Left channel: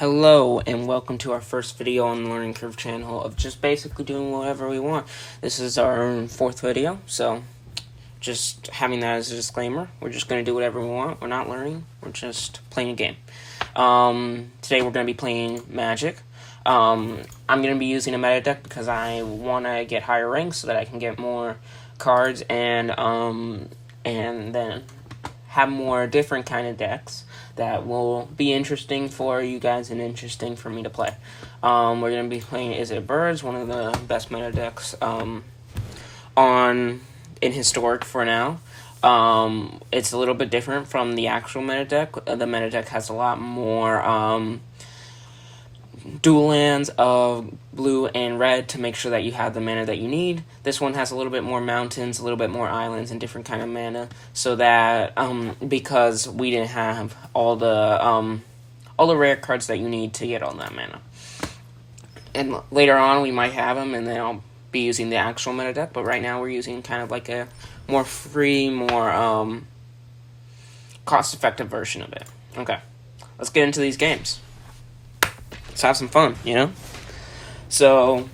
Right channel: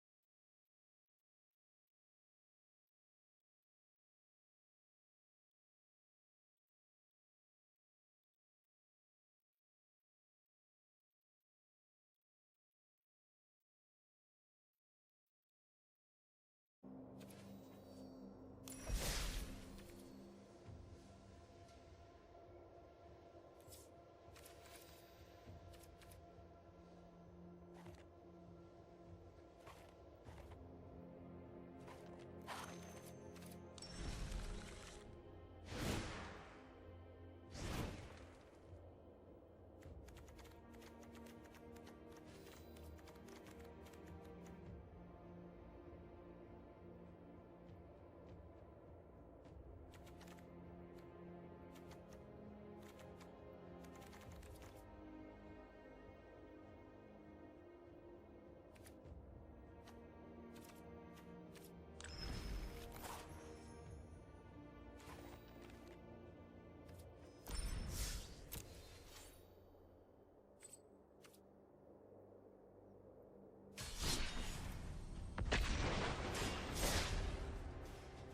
Hello and welcome to our first video on the Learning Curve channel of just basically doing whatever we want. This is our fourth video, so just having that as a disclaimer. We're just going to do whatever we want. We're not learning. We're just playing a game. Today we're going to be playing Magic. I'm going to be using a meta deck because I want to get higher ranks so that I can get more cards and then have more different kind of decks that will be interesting for you guys and interesting for me to play. We're going to be playing IZZET Birds, one of the best meta decks in Historic for now. It's a little bit different from the actual meta deck. The meta deck has a lot more dual lands of blue and red to make sure that you have the mana that you need. This one has a little bit more mountains, a little bit more islands, and different kind of mana, so that because we didn't have all the rare cards that you need to get all that mana. And later on we might have them, and then I'll be using the actual meta deck, but right now we're using kind of like a more free, more cost-effective version of it. Okay, let's get into these games. Let's have some fun, you know? So,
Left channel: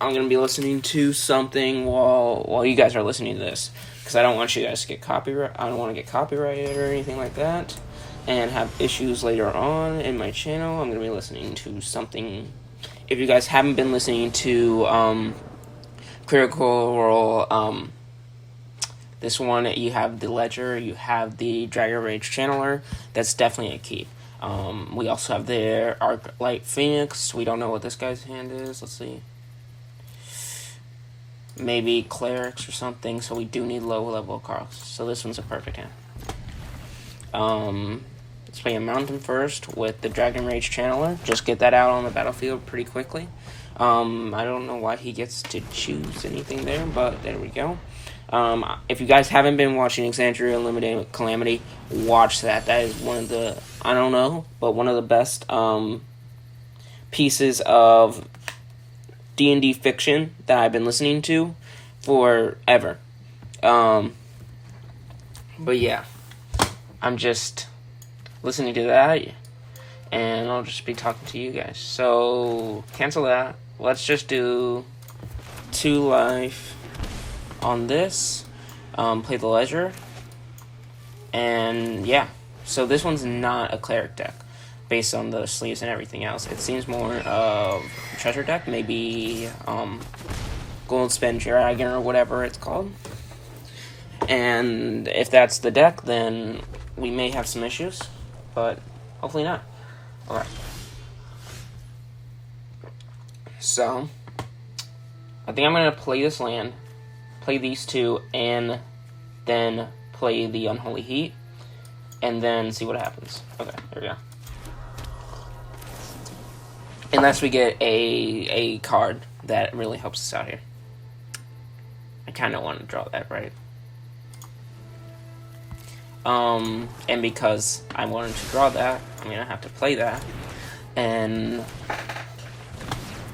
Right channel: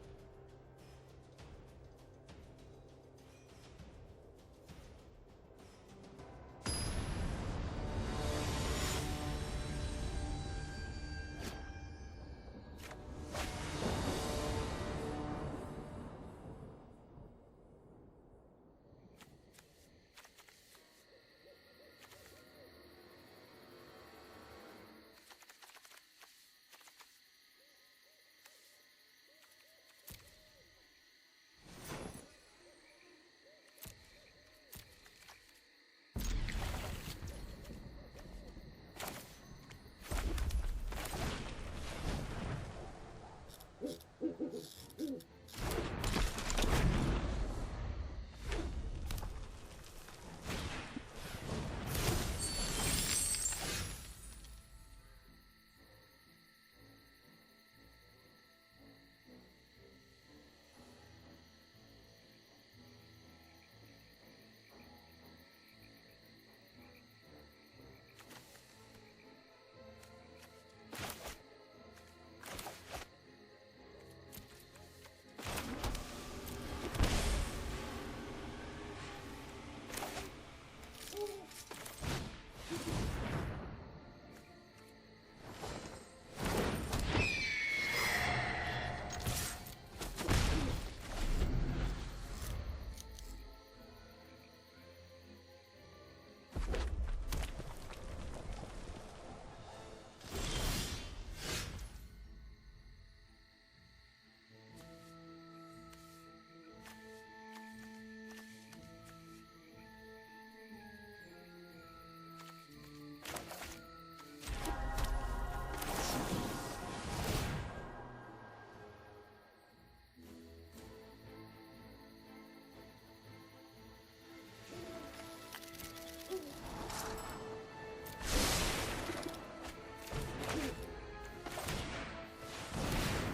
I'm going to be listening to something while you guys are listening to this, because I don't want you guys to get copyright. I don't want to get copyrighted or anything like that, and have issues later on in my channel. I'm going to be listening to something. If you guys haven't been listening to Critical Role, this one, you have the Ledger, you have the Dragon Rage Channeler. That's definitely a keep. We also have the IZZET Phoenix. We don't know what this guy's hand is. Let's see. Maybe Clerics or something, so we do need low level cards. So this one's a perfect hand. Let's play a Mountain first with the Dragon Rage Channeler. Just get that out on the battlefield pretty quickly. I don't know why he gets to choose anything there, but there we go. If you guys haven't been watching Exandria Unlimited Calamity, watch that. That is one of the, I don't know, but one of the best pieces of D&D fiction that I've been listening to forever. But yeah, I'm just listening to that, and I'll just be talking to you guys. So, cancel that. Let's just do 2 life on this, play the Ledger, and yeah, so this one's not a Cleric deck, based on the sleeves and everything else. It seems more of a treasure deck, maybe Golden Spin Dragon or whatever it's called, and if that's the deck, then we may have some issues, but hopefully not. Alright, so I think I'm going to play this land, play these two, and then play the Unholy Heat, and then see what happens. Okay, there we go. Unless we get a card that really helps us out here. I kind of want to draw that, right? And because I wanted to draw that, I'm going to have to play that, and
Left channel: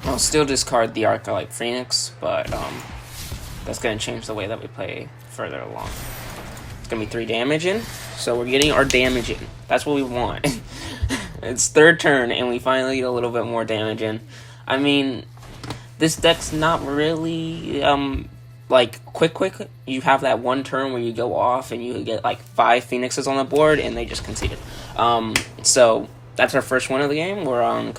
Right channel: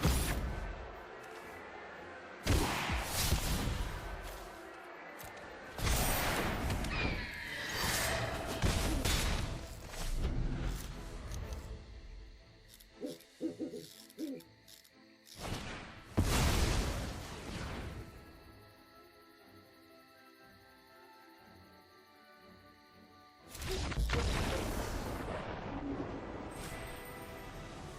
I'll still discard the IZZET Phoenix, but that's going to change the way that we play further along. It's going to be 3 damage in, so we're getting our damage in. That's what we want. It's third turn, and we finally get a little bit more damage in. I mean, this deck's not really, like, quick. You have that one turn where you go off, and you get, like, 5 Phoenixes on the board, and they just concede it. So that's our first one of the game. We're on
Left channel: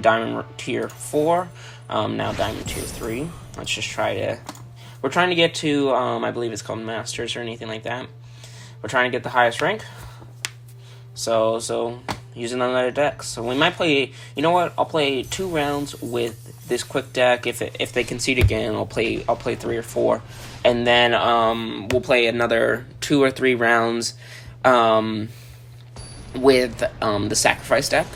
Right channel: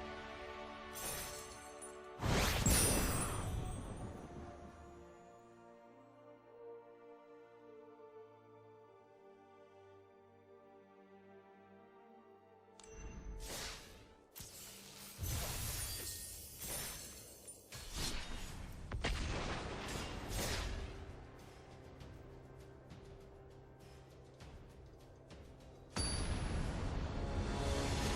Diamond Tier 4, now Diamond Tier 3. Let's just try to... We're trying to get to, I believe it's called Masters or anything like that. We're trying to get the highest rank. So using another deck. So we might play, you know what? I'll play 2 rounds with this quick deck. If they concede again, I'll play 3 or 4. And then we'll play another 2 or 3 rounds with the Sacrifice deck.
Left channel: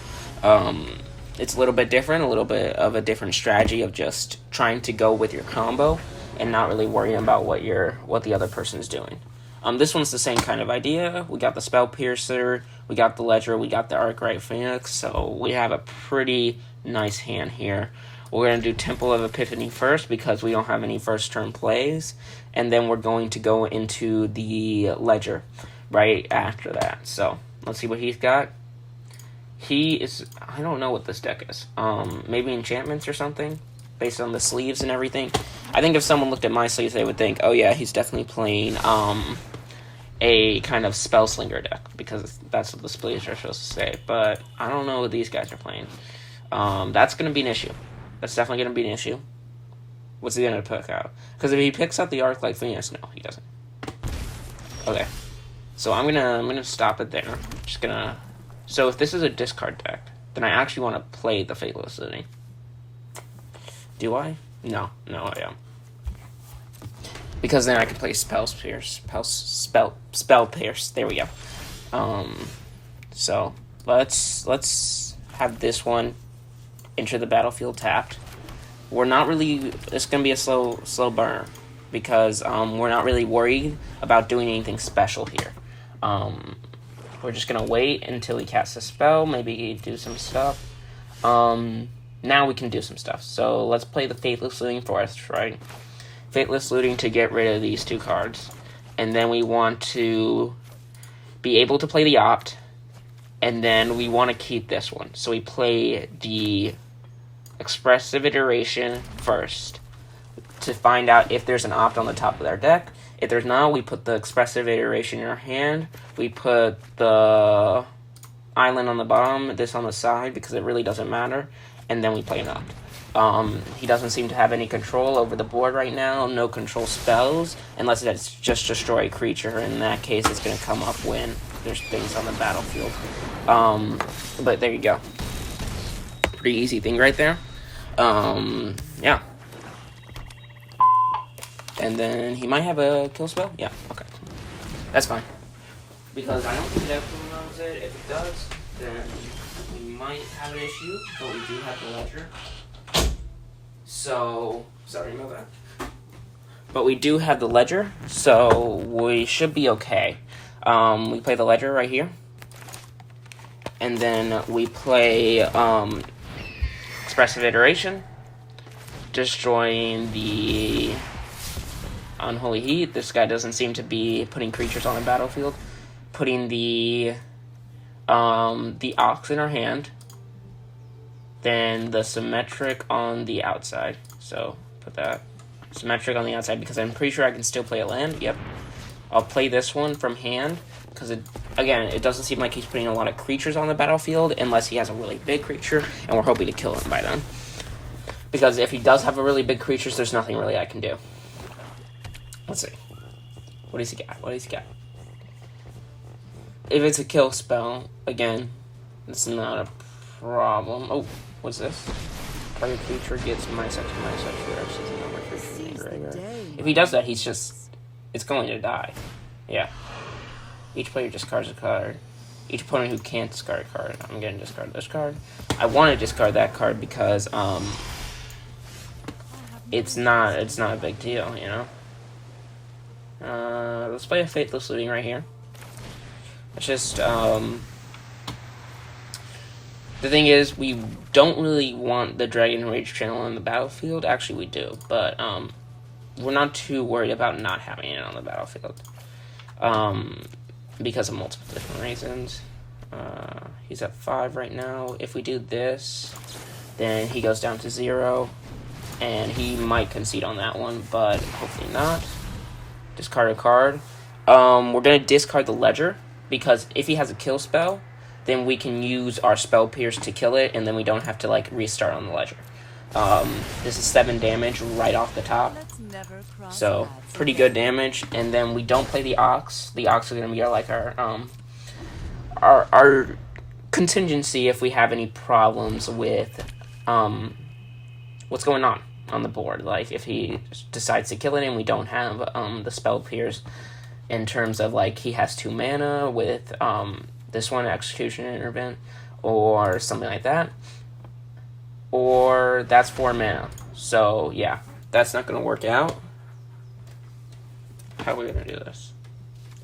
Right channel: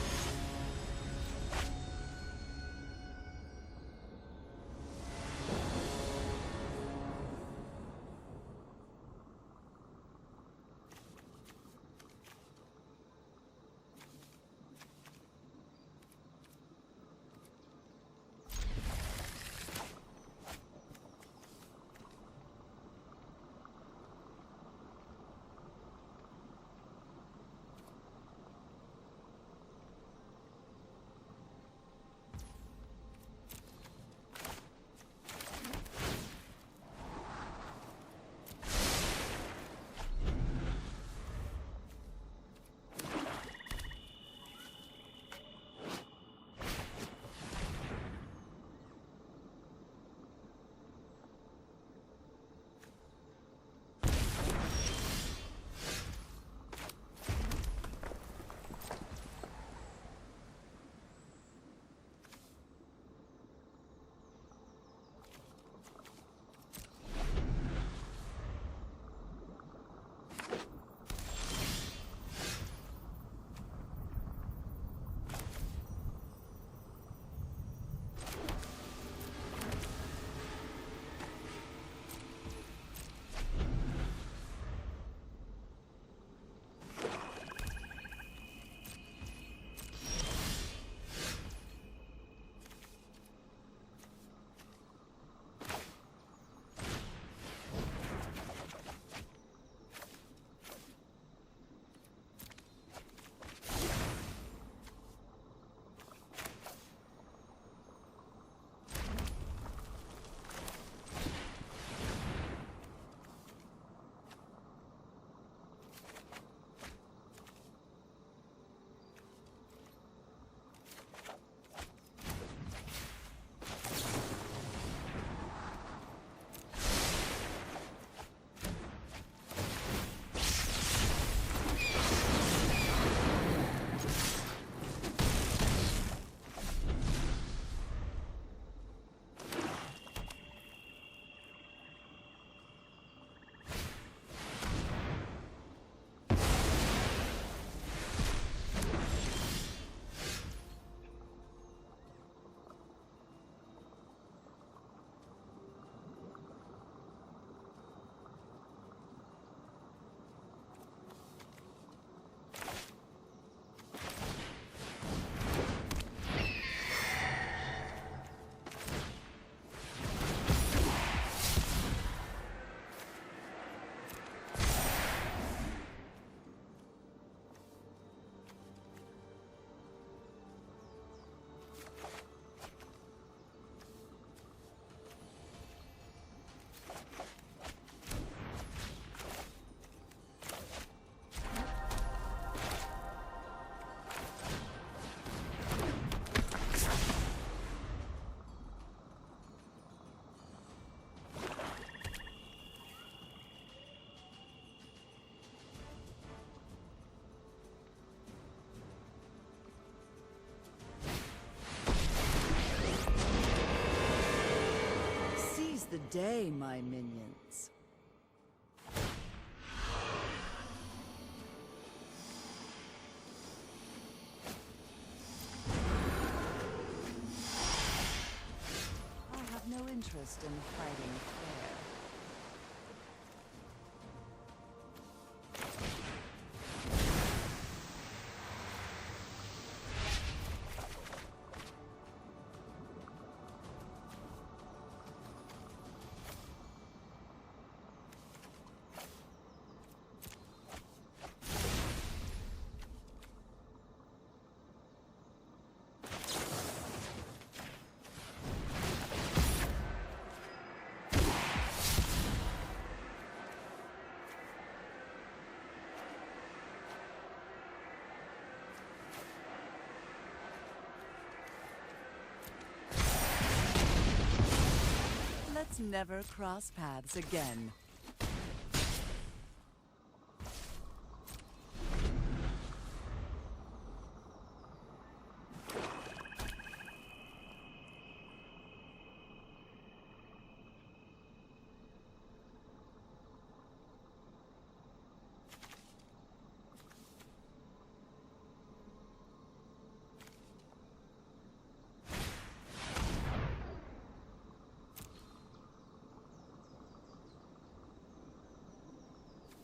It's a little bit different, a little bit of a different strategy of just trying to go with your combo and not really worrying about what the other person is doing. This one's the same kind of idea. We got the Spell Piercer, we got the Ledger, we got the IZZET Phoenix, so we have a pretty nice hand here. We're going to do Temple of Epiphany first because we don't have any first turn plays, and then we're going to go into the Ledger right after that. So let's see what he's got. He is... I don't know what this deck is. Maybe enchantments or something? Based on the sleeves and everything. I think if someone looked at my sleeves, they would think, oh yeah, he's definitely playing, a kind of spell slinger deck. Because that's what the sleeves are supposed to say. But I don't know what these guys are playing. That's going to be an issue. That's definitely going to be an issue. What's he going to pick out? Because if he picks out the Arc-like Phoenix, no, he doesn't. Okay. So I'm gonna stop it there. Just gonna... So if this is a discard deck, then I actually want to play the Faithless Looting. Do I? No, I am. Because then I can play Spell Pierce. Spell Pierce. There we go. So let's have this one enter the battlefield tapped. We're not really... It's gonna be a slow burn because we're not really worried about doing anything special here. We're just gonna wait until he casts a spell, maybe do some stuff. Now we can do some stuff. So let's play the Faithless Looting first, right? Faithless Looting to get rid of these two cards. And then we want to be able to play the Opt. And then we want to keep this one. So we play the Expressive Iteration first to find out if there's an Opt on the top of our deck. If there's not, we put the Expressive Iteration in our hand. We put the Island on the bottom, this on the side, because it really doesn't matter. And then we play an Opt. He doesn't seem to have any control over the board right now. No control spells, unless it's just destroy a creature. In that case, it's going to come up when there's things on the battlefield. But there you go. Pretty easy thing right there. Yeah. And then he might have a kill spell? Yeah, okay. That's fine. Because I don't think that knows it. If it does, then we might have an issue, but we do have the ledger. So, sorry about that. But we do have the ledger, so we should be okay. We play the ledger right here. And then we play Expressive Iteration, destroying the Unholy Heat. This guy doesn't seem to be putting creatures on the battlefield. Putting the Ox in our hand. Then the Symmetric on the outside. So put that Symmetric on the outside because I'm pretty sure I can still play a land. Yep. I'll play this one from hand because it doesn't seem like he's putting a lot of creatures on the battlefield unless he has a really big creature, and we're hoping to kill him by then. Because if he does have a really big creature, there's nothing really I can do. Let's see. What does he got? What does he got? If it's a kill spell, again, it's not a problem. Oh, what's this? Target creature gets -2/-. Seize the day. If he does that, he's just... It's going to die. Yeah. Each player discards a card. Each opponent who can't discard a card. I'm going to discard this card. I want to discard that card because, it's not a big deal, you know? Let's play a Faithless Looting right here. It's just, the thing is, we don't really want the Dragon Rage channel on the battlefield. Actually, we do, but, we're not too worried about not having it on the battlefield. Because of multiple different reasons. He's at 5 right now. If we do this, then he goes down to 0. And he might concede on that one, but hopefully not. Discard a card. We're going to discard the Ledger, because if he has a kill spell, then we can use our Spell Pierce to kill it, and then we don't have to, like, restart on the Ledger. This is 7 damage right off the top. So, pretty good damage. And then we don't play the Ox. The Ox is going to be our contingency if we have any problems with, what's going on the board. Like, if he decides to kill it and we don't have, the Spell Pierce in terms of, like, he has 2 mana with, this one, Execution Intervent, or something like that. Or that's 4 mana. So, yeah, that's not going to work out. How are we going to do this?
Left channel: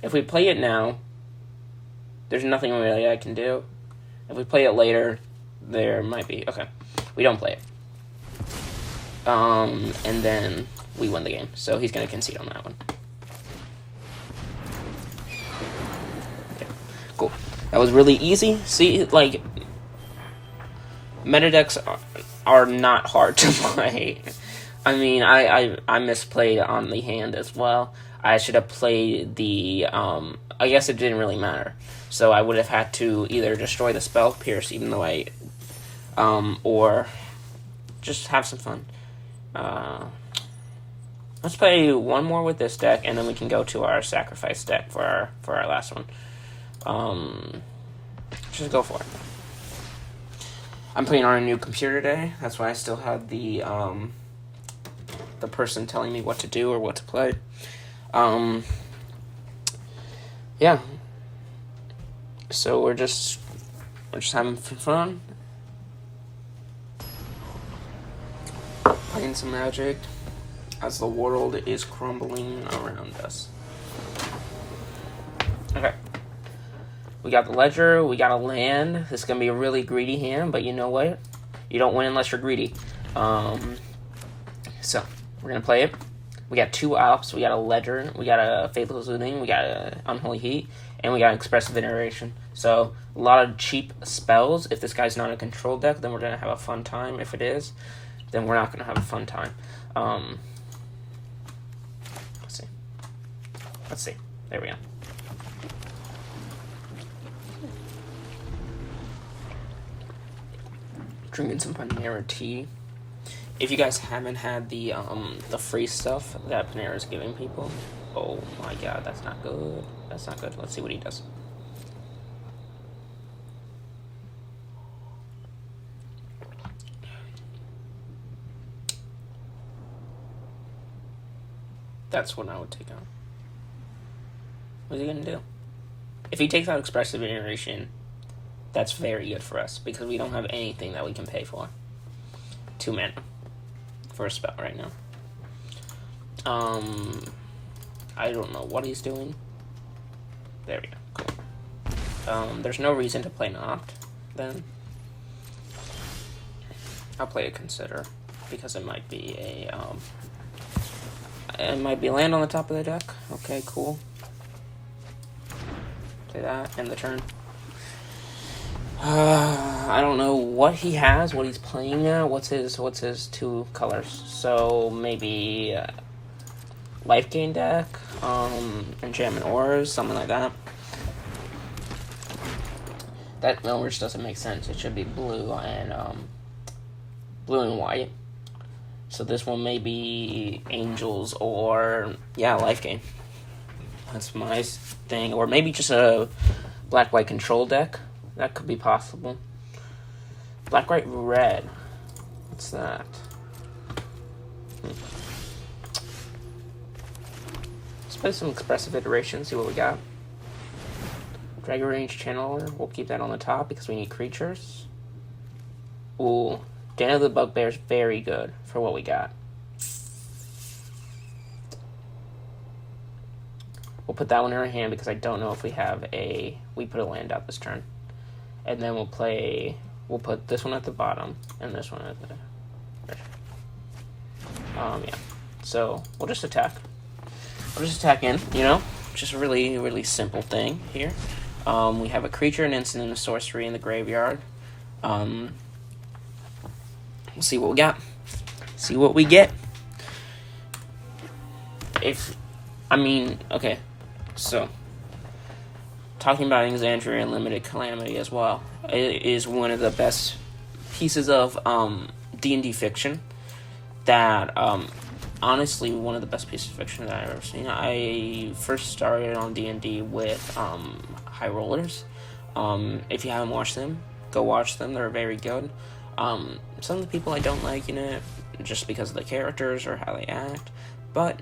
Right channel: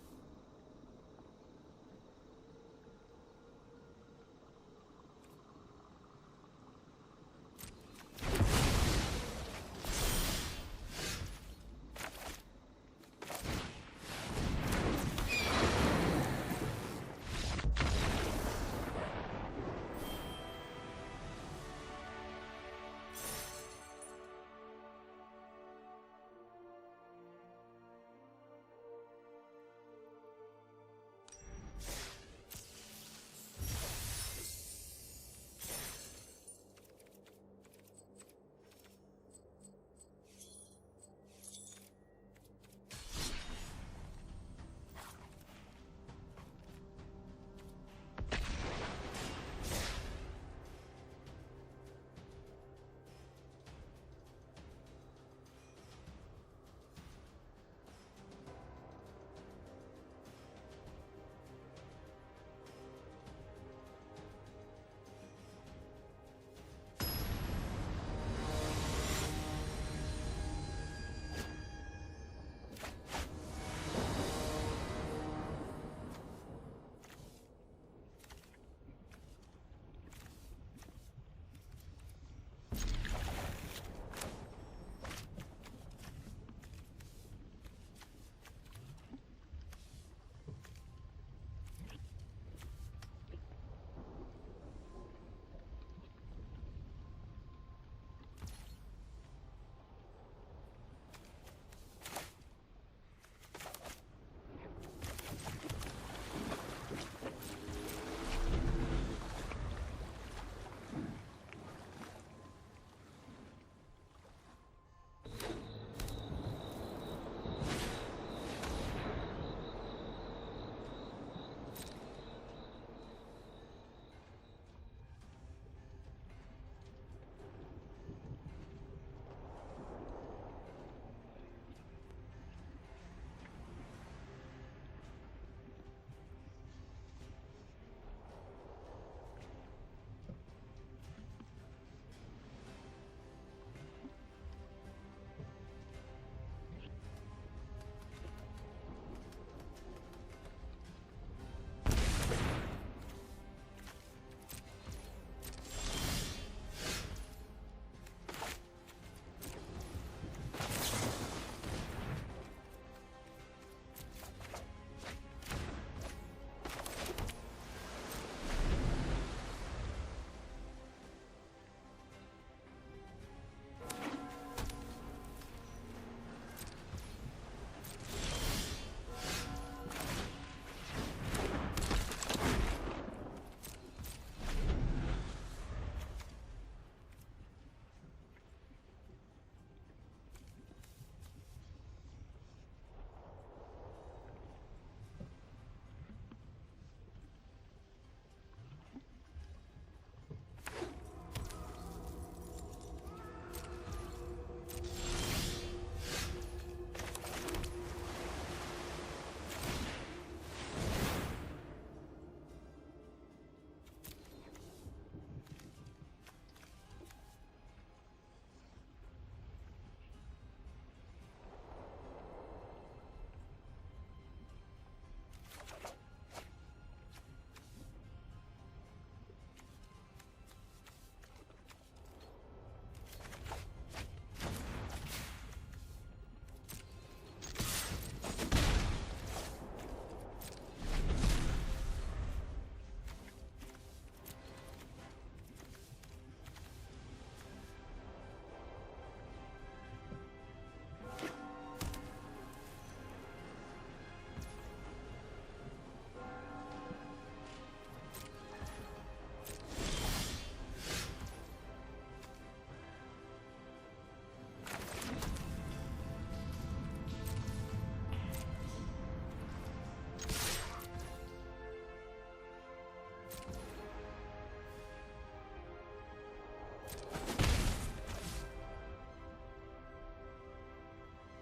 If we play it now, there's nothing really I can do. If we play it later, there might be. Okay, we don't play it. And then we win the game. So he's going to concede on that one. Okay, cool. That was really easy. See, like, Meta decks are not hard to play. I mean, I misplayed on the hand as well. I should have played the, I guess it didn't really matter. So I would have had to either destroy the spell, Pierce, even though or just have some fun. Let's play one more with this deck, and then we can go to our sacrifice deck for our last one. Just go for it. I'm playing on a new computer today. That's why I still have the person telling me what to do or what to play. Yeah. So we're just having fun. Playing some Magic as the world is crumbling around us. Okay. We got the Ledger, we got a land. This is going to be a really greedy hand, but you know what? You don't win unless you're greedy. So, we're going to play it. We got 2 Alps, we got a Ledger, we got a Faithful Soothing, we got a Unholy Heat, and we got Expressive Iteration. So, a lot of cheap spells. If this guy's not a control deck, then we're going to have a fun time. If it is, then we're not going to have a fun time. Let's see. There we go. Drinking some Panera tea. If you guys haven't had the free stuff that Panera's giving people, oh my god, that's not good. That's not good. Let's see what he does. That's what I would take out. What's he gonna do? If he takes out Expressive Iteration, that's very good for us, because we don't have anything that we can pay for. 2 mana for a spell right now. I don't know what he's doing. There we go. Cool. There's no reason to play Noct, then. I'll play a Consider, because it might be a land on the top of the deck. Okay, cool. Play that, end the turn. I don't know what he has, what he's playing now. What's his 2 colors? So maybe life gain deck, enchantment ores, something like that. That orange doesn't make sense. It should be blue and white. So this one may be angels or life gain. That's my thing, or maybe just a black-white control deck. That could be possible. Black, white, red. What's that? Let's play some Expressive Iteration, see what we got. Dragon Range Channeler. We'll keep that on the top because we need creatures. Ooh. Den of the Bugbear is very good for what we got. We'll put that one in our hand because I don't know if we have we put a land out this turn. And then we'll put this one at the bottom and this one at the yeah. So we'll just attack. We'll just attack in, just a really, really simple thing here. We have a creature, an instant, and a sorcery in the graveyard. We'll see what we got. See what we get. Okay. So, talking about Exandria and Limited Calamity as well. It is one of the best pieces of D&D fiction that, honestly, one of the best pieces of fiction that I've ever seen. I first started on D&D with High Rollers. If you haven't watched them, go watch them. They're very good. Some of the people I don't like in it, just because of the characters or how they act, but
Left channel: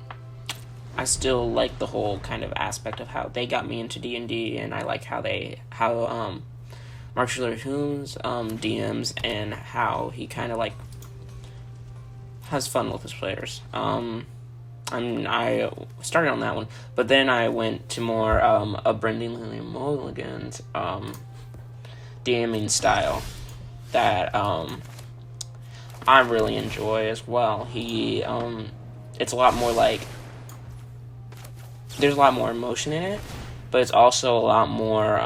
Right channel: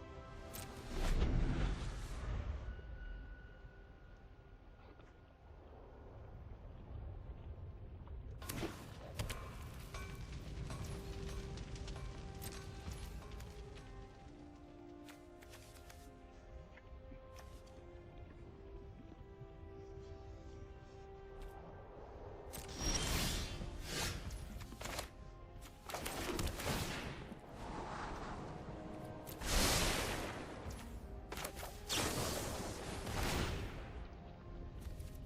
I still like the whole kind of aspect of how they got me into D&D, and I like how Mark Schiller-Humes DMs and how he kind of like has fun with his players. I started on that one, but then I went to more a Brendan Lee Mulligan's DMing style that I really enjoy as well. He it's a lot more like, there's a lot more emotion in it, but it's also a lot more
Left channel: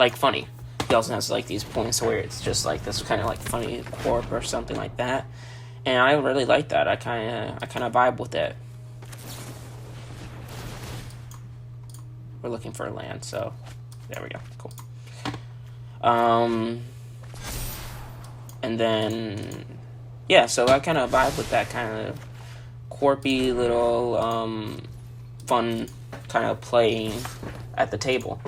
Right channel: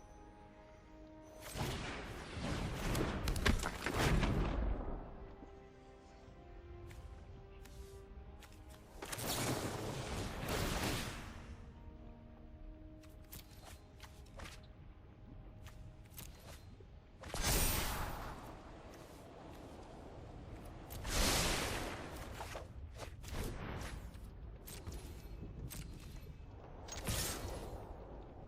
like funny. He also has like these points where it's just like this kind of like funny corp or something like that, and I really like that. I kind of vibe with it. We're looking for a land, so there we go. Cool. And then yeah, so I kind of vibe with that kind of corpy little fun kind of playing at the table.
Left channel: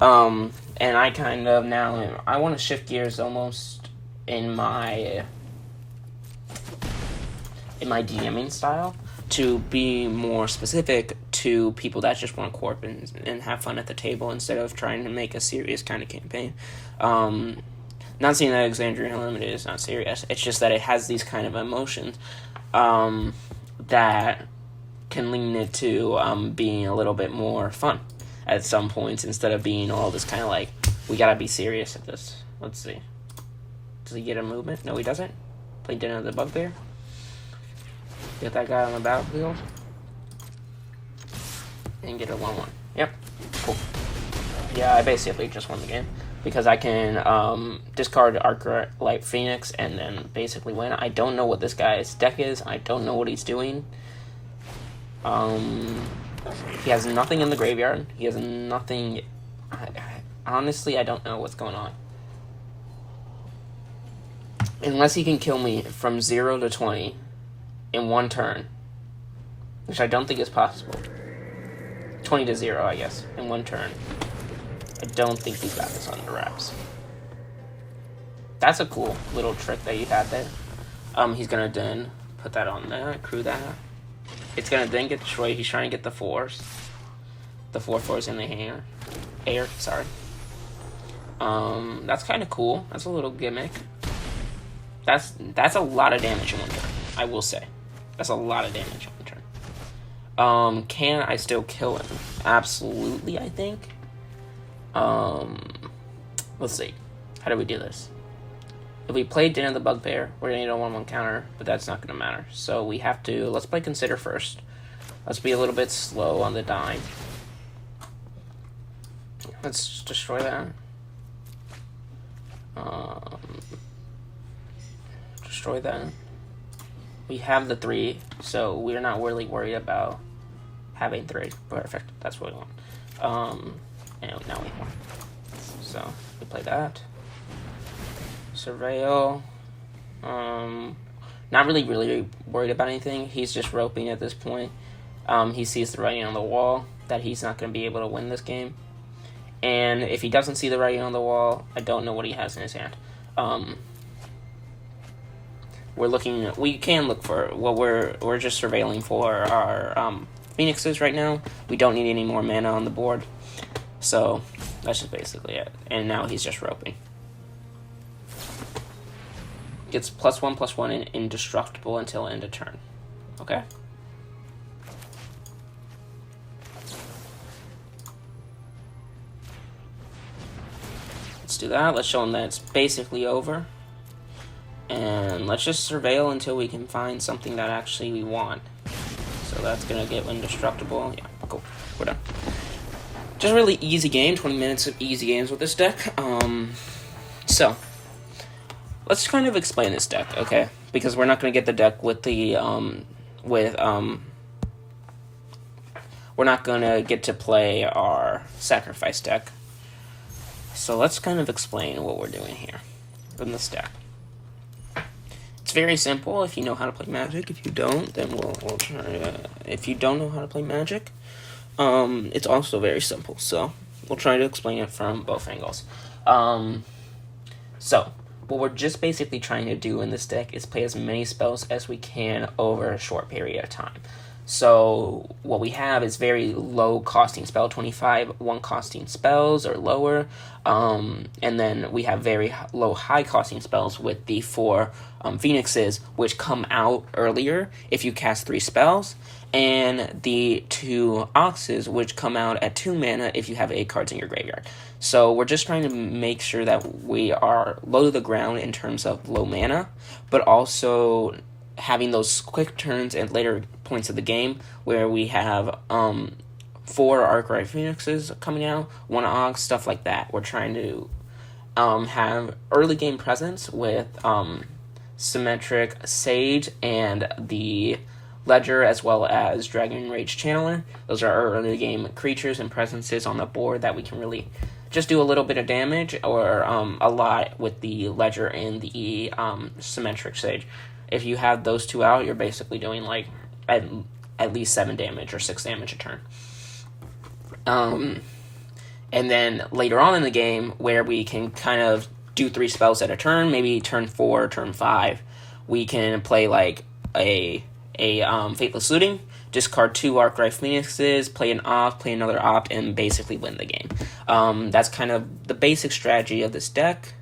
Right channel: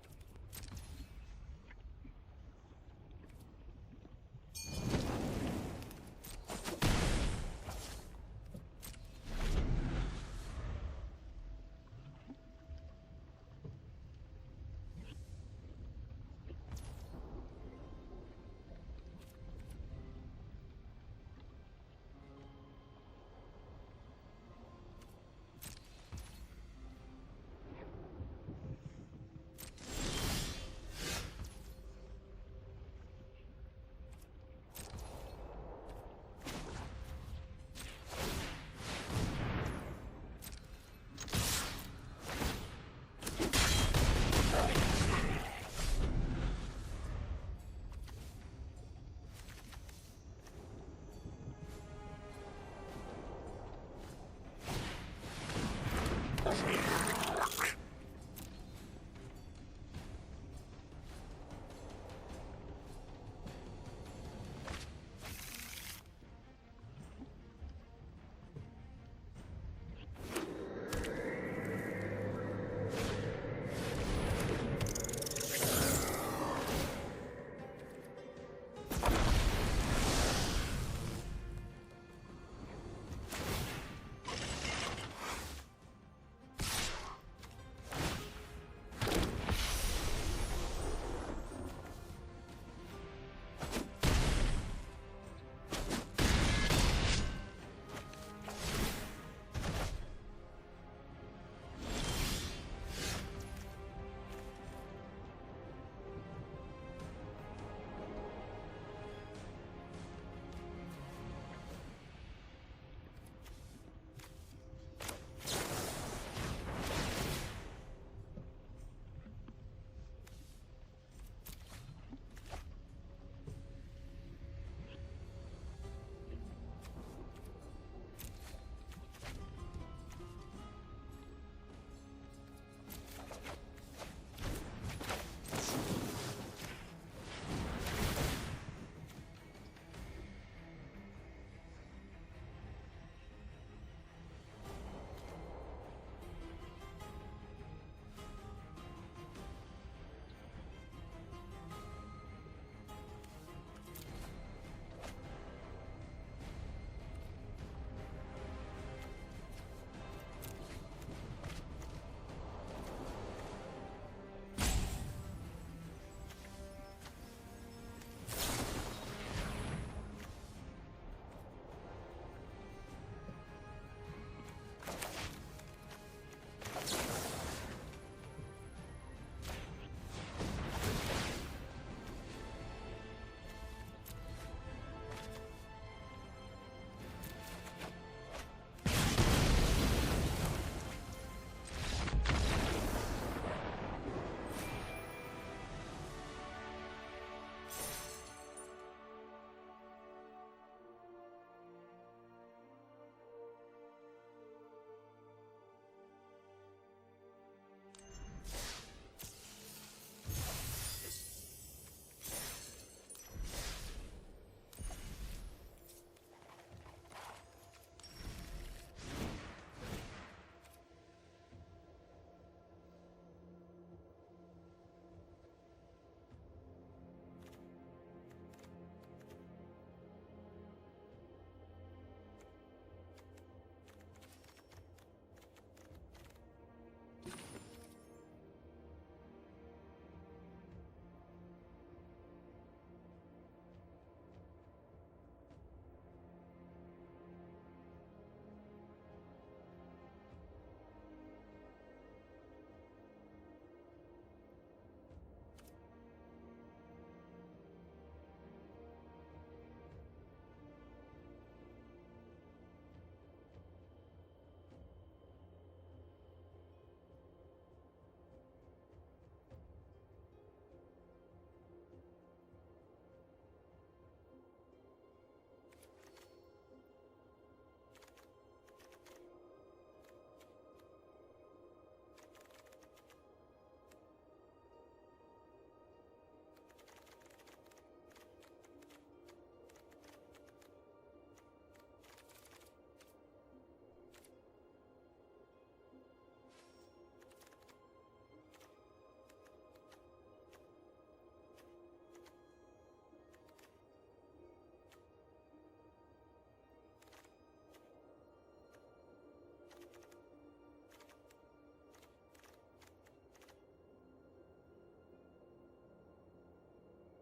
And I kind of now I want to shift gears almost in my DMing style to be more specific to people that just want to corp and have fun at the table instead of trying to make a serious kind of campaign. Not saying that Alexandria Unlimited is not serious. It's just that it has these kind of emotions that can lean it to being a little bit more fun at some points instead of being all this kind of like, we gotta be serious at this. Let's see. Does he get a movement? No, he doesn't. Play Dinner of the Bugbear. Get that guy on the battlefield. And get a 1-1. Yep. Cool. Yeah, I basically just won the game. Because I can discard Arclight Phoenix and then basically win. I don't know what this guy's deck is. I don't know what he's doing. He has nothing in the graveyard. He has nothing... honestly, I don't know what's going on. Unless he can kill me from 0 to 20 in one turn. Which I don't think is possible. 20 to 0, I guess, in one turn. I don't think he's got this on the wraps. That's a cool little trick that you have there. He's gonna then put that on there, accrue that. It's gonna then get destroyed. He's trying to get the 4s. The 4/4s in the air, sorry. That's kind of cool. That's a little gimmick. That's a lot of damage in the turn, I will say. That's a lot of damage in the turn. Can I still kill him? Absolutely, I think. Let's see. How do we do this? If we play Dinner of the Bugbear, we're gonna need a 1/1 counter, but that's not gonna matter. So we have to, let's play Consider first. Let's be a little bit slow on the dime. Let's destroy that. Destroy that. We have the 3, so we're not really worried about having 3. Perfect. That's what we want. And now we want. So we play that. Surveil. Not really worried about anything. He's just roping at this point. He sees the writing on the wall that he's not going to be able to win this game. And if he doesn't see the writing on the wall, I don't know what he has in his hand. We can look for what we're just surveilling for our Phoenixes right now. We don't need any more mana on the board. So that's just basically it. And now he's just roping. Gets +1/+1 and indestructible until end of turn. Okay? Let's do that. Let's show him that it's basically over. And let's just surveil until we can find something that actually we want. So that's gonna get indestructible. Yeah, cool. We're done. Just a really easy game. 20 minutes of easy games with this deck. So let's kind of explain this deck, okay? Because we're not gonna get the deck with the we're not gonna get to play our sacrifice deck. So let's kind of explain what we're doing here in this deck. It's very simple if you know how to play Magic. If you don't, then we'll try to... If you don't know how to play Magic, it's also very simple. So we'll try to explain it from both angles. So what we're just basically trying to do in this deck is play as many spells as we can over a short period of time. So what we have is very low costing spell, 25 1 costing spells or lower, and then we have very low high costing spells with the 4 Phoenixes, which come out earlier if you cast 3 spells, and the 2 Oxes, which come out at 2 mana if you have 8 cards in your graveyard. So we're just trying to make sure that we are low to the ground in terms of low mana, but also having those quick turns and later points of the game where we have 4 Arclight Phoenixes coming out, 1 Og, stuff like that. We're trying to have early game presence with Symmetric Sage and the Ledger, as well as Dragon Rage Channeler. Those are our early game creatures and presences on the board that we can really just do a little bit of damage or a lot with the Ledger and the Symmetric Sage. If you have those 2 out, you're basically doing like at least 7 damage or 6 damage a turn. And then later on in the game, where we can kind of do 3 spells at a turn, maybe turn 4, turn 5, we can play like a Faithless Looting, discard 2 Arclight Phoenixes, play an opt, play another opt, and basically win the game. That's kind of the basic strategy of this deck.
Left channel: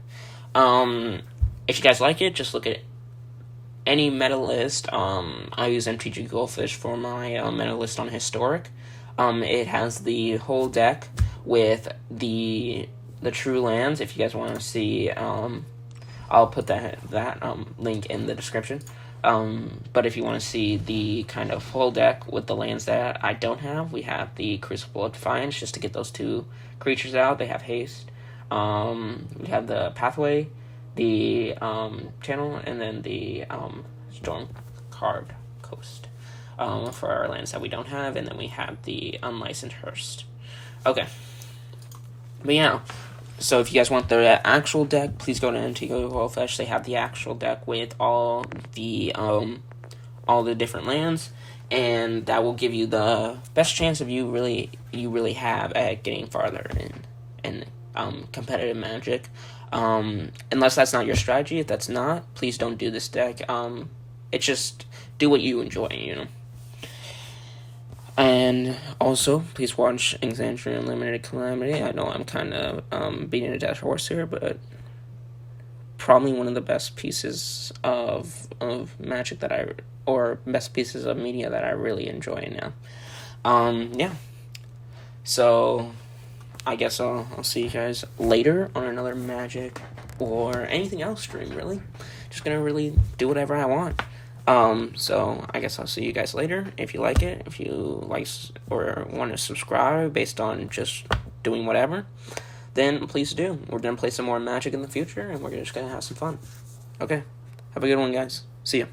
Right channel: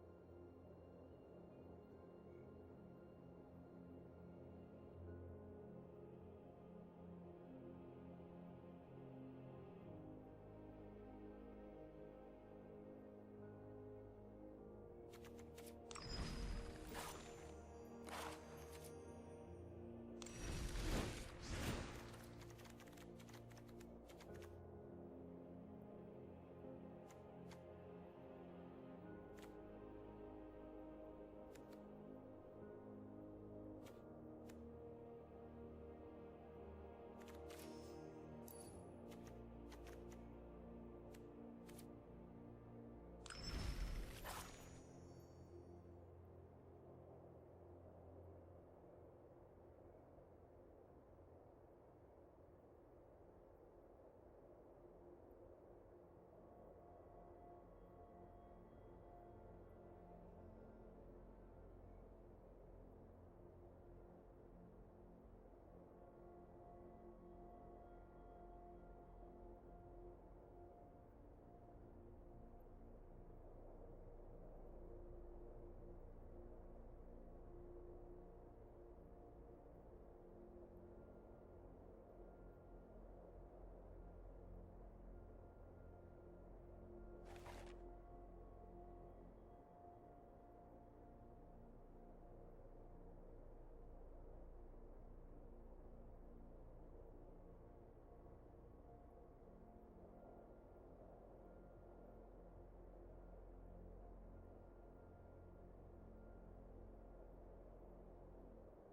If you guys like it, just look at any meta list. I use MTG Goldfish for my meta list on Historic. It has the whole deck with the true lands. If you guys want to see, I'll put that link in the description. But if you want to see the kind of full deck with the lands that I don't have, we have the Crucible of Defiance, just to get those 2 creatures out. They have haste. We have the Pathway, the Channel, and then the Storm Carved Coast for our lands that we don't have, and then we have the Unlicensed Hearst. Okay. But yeah, so if you guys want the actual deck, please go to MTG Goldfish. They have the actual deck with all the different lands, and that will give you the best chance of you really have at getting farther in competitive Magic. Unless that's not your strategy. If that's not, please don't do this deck. It's just do what you enjoy, you know. And also, please watch Exandria Unlimited Calamity. I know I'm kind of beating a dead horse here, but probably one of the best pieces of Magic best pieces of media that I really enjoy now. Yeah. So, I guess I'll see you guys later on another Magic or anything else stream, really. Just gonna really do whatever I want. So I guess I'll see you guys later. If you like it, if you like or want to subscribe based on just doing whatever, then please do. We're going to play some more Magic in the future, and we're just going to have some fun. Okay. Have a good one, guys. See ya.